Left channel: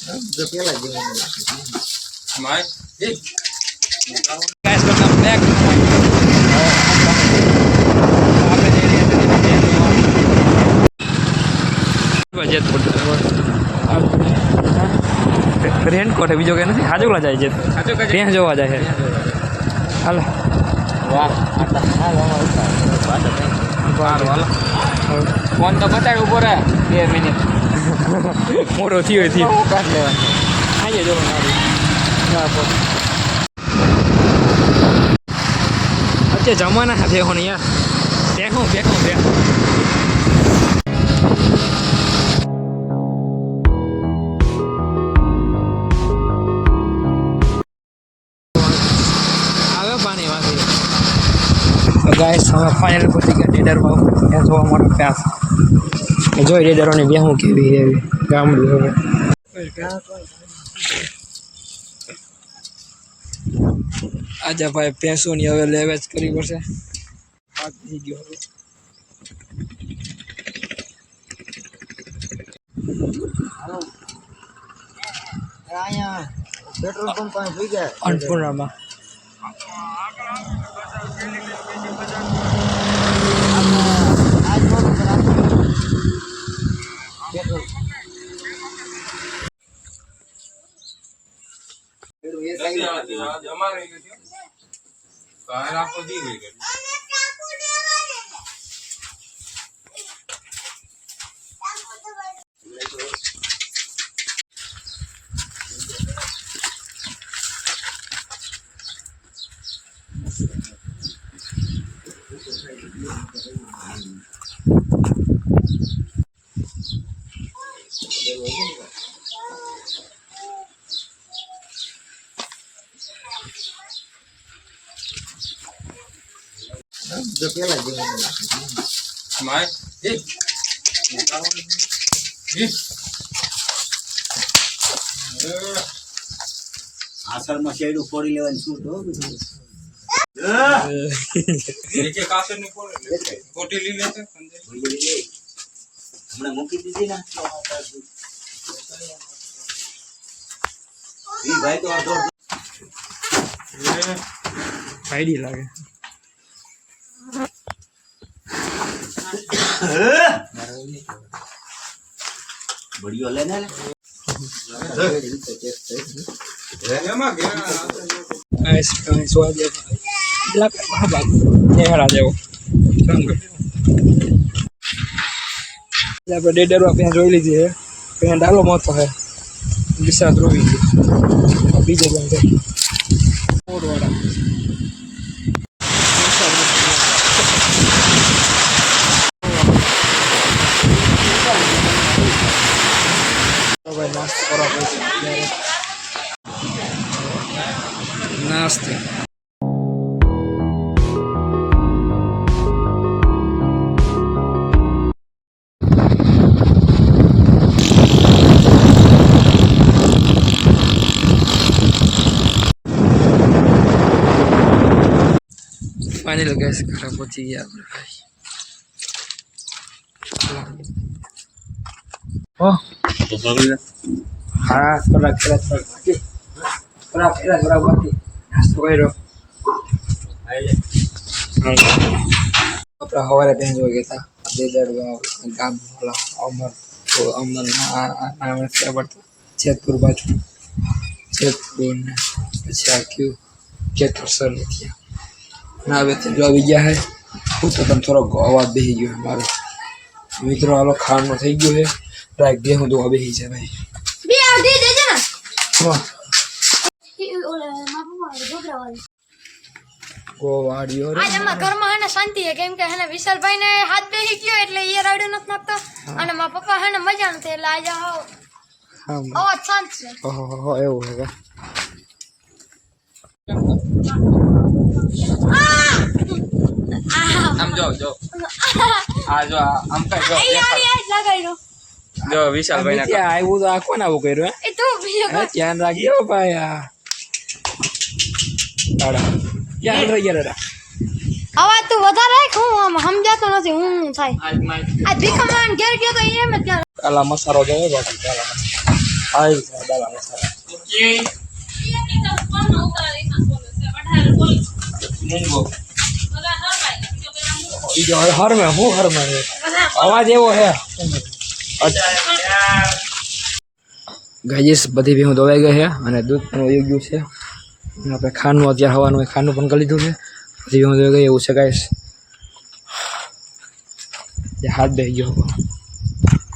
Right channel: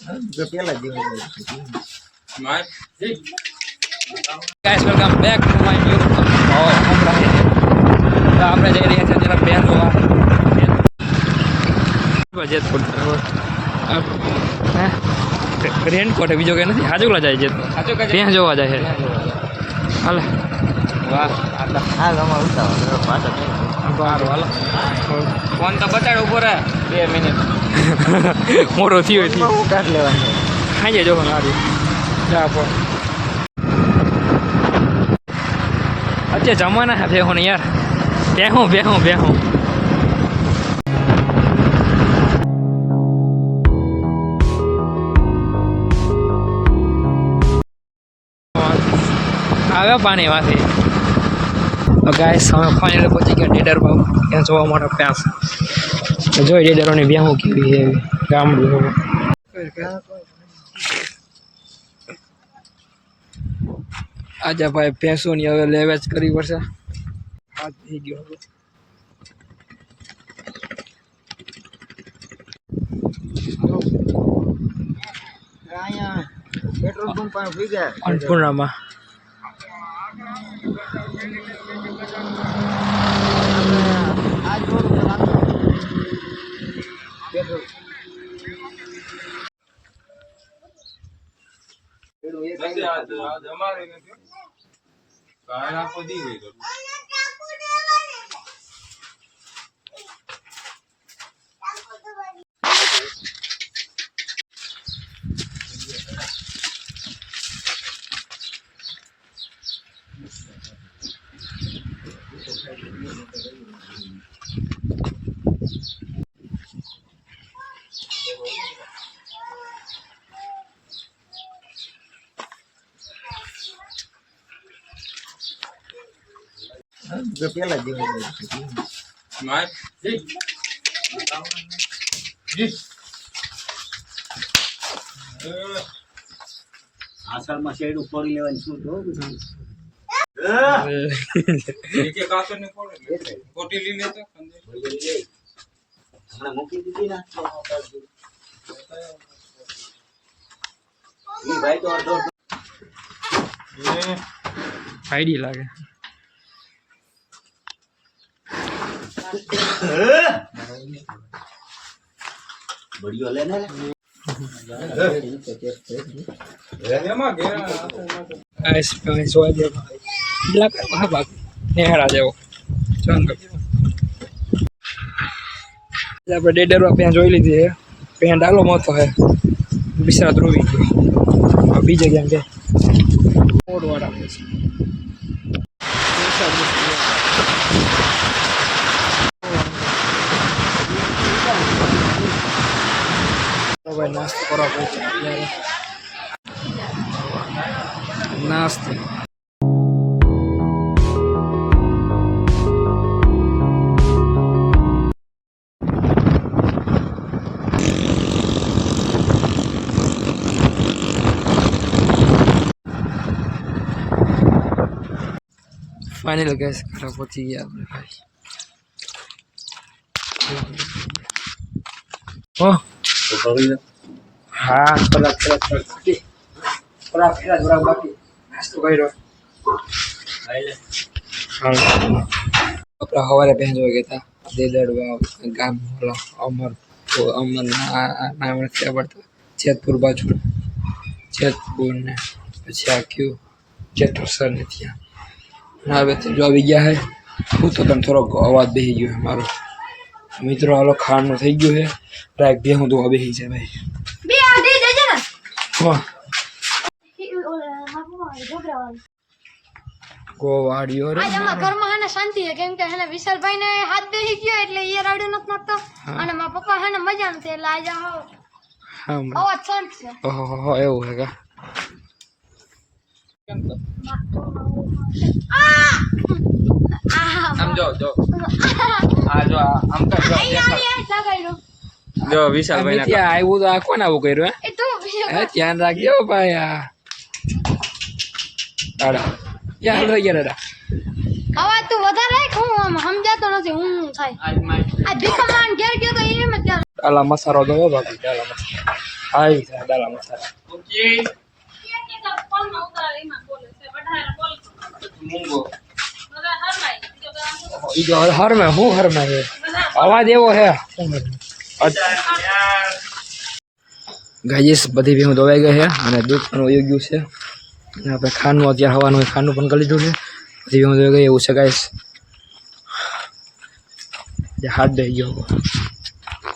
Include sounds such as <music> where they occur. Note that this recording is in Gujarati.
જો પેલા જેવું guys welcome back to my new તો આપણે જઈ રહ્યા છીએ તેના બેન જોવા જેતપુર રેનકોટ બીજો કઈ નથી? હાજુલા જાય છે ત્યાં જોવા જાય છે હાલે. વાહ આટલા. પાછા કઈ ફોન તો બતાડ ઊભો રહે. બે મિનિટ. મોટો થયો થયો ખાઈ જો મારું અત્યારે જમાના હા બેહો ને યાર બેહું બેહું બેહું આવે પાણી માંથી ગાય ફાઇનલ પહોંચી ગયા ડેડરમાં ત્યાં જોવા મળે પ્યાસ જોઈ રેડરોની બેહું કેવી એવી. ગામડું હવે આજે ભાઈ ભેંસોની હવે લેવેચ કરવી પડશે. હાથ થઈ ગયો હવે. અહીંયા પેટ્રોલ પંપ પાસે ગયા. અન્નપૂર્ણામાં करूँ ये सही आज आज हमारे में क्यों बाहर आपको दी गई करूँ Thank you. જો પેલા જેવું લેવાની શું તો હમણાં મૂકી દીધી ને ભાઈ તો અડધો આઈડી લાગે. બળિયો લે ને આપણે ડેડરવા ત્યાં જોઈ લીધી છે પેન ડાલો મોતો હે બિસરા ધ્રુવી બીજે ક્યાં જાય તો ભાઈ નાસ્તો કરવા પડશે અત્યારે નાસ્તે ફાઇનલ ગેસ ઘરે પહોંચી ગયા આપણે ભાઈ ઓ હા કલાક કલાક કલાક બાકી કલાક પહેલા જ બરાબર બાકી નાસ્તો કર્યો આપણા સવારે બેન જોઈ ગયા હતા દેદડ ગામ ઓલા અમર તો અમર નામ નથી આવડતું જેતપુર બાજુ જેતપુર ને પછી આ કયું જેતસર ને ત્યાં ના હવે તો જો આવી ગયા હે હું તો તને થોડોક અવાજ બેસી ગયો છે મારો મિત્રો હાલો ખાવાનું થઈ ગયું છે રાખ બે હું તો બેસી જાય ભાઈ બે ને. હા. ગોવાડીઓ રે. આજ અમારા ઘરમાં હેને શાંતિ છે. કેમ કે હેને વિશાલભાઈ ને હાથ બેસી ગયો એટલે એ રાડ્યો નથી નાખતો અને મારા પપ્પા હેને મજા નથી એટલે આજે હા અવાજ શાંત છે. ઓહો એવું છે કા? આમ જો જો. <laughs> આ જો આમ કઈ જો અહીં વિશાલ ભાઈ ત્યાં આવ્યું તો આ કોણ આવું કર્યું એ તું બીજો હે હે ધ્યાન રાખજો ભાઈ આ. દાડા. ક્યાં રહી ગયા દાડા? અવાજ તું વધારે રાખ હું આમ સમજાતો નથી હું થાય? આ ભીખા ઘેર ગયો તો એમ જ. કાલા મસાલો જોવો બાકી કાલા મસારો આવી ગયા દાલા મસારો મૂંગો. હર મેં હું હર મેં છે અવાજ એવો છે. ગાઈસ, બધી ભેહું દોવાઈ ગઈ છે અને દૂધ પણ વયું ગયું છે. અને આપણે ખાંડનું અત્યારે હવાનું, ખાંડનું પણ કરી લીધું છે. બધી ભેહું દોવાઈ ગઈ એવું છે, ગાઈસ. હાથ દઈ ગયો.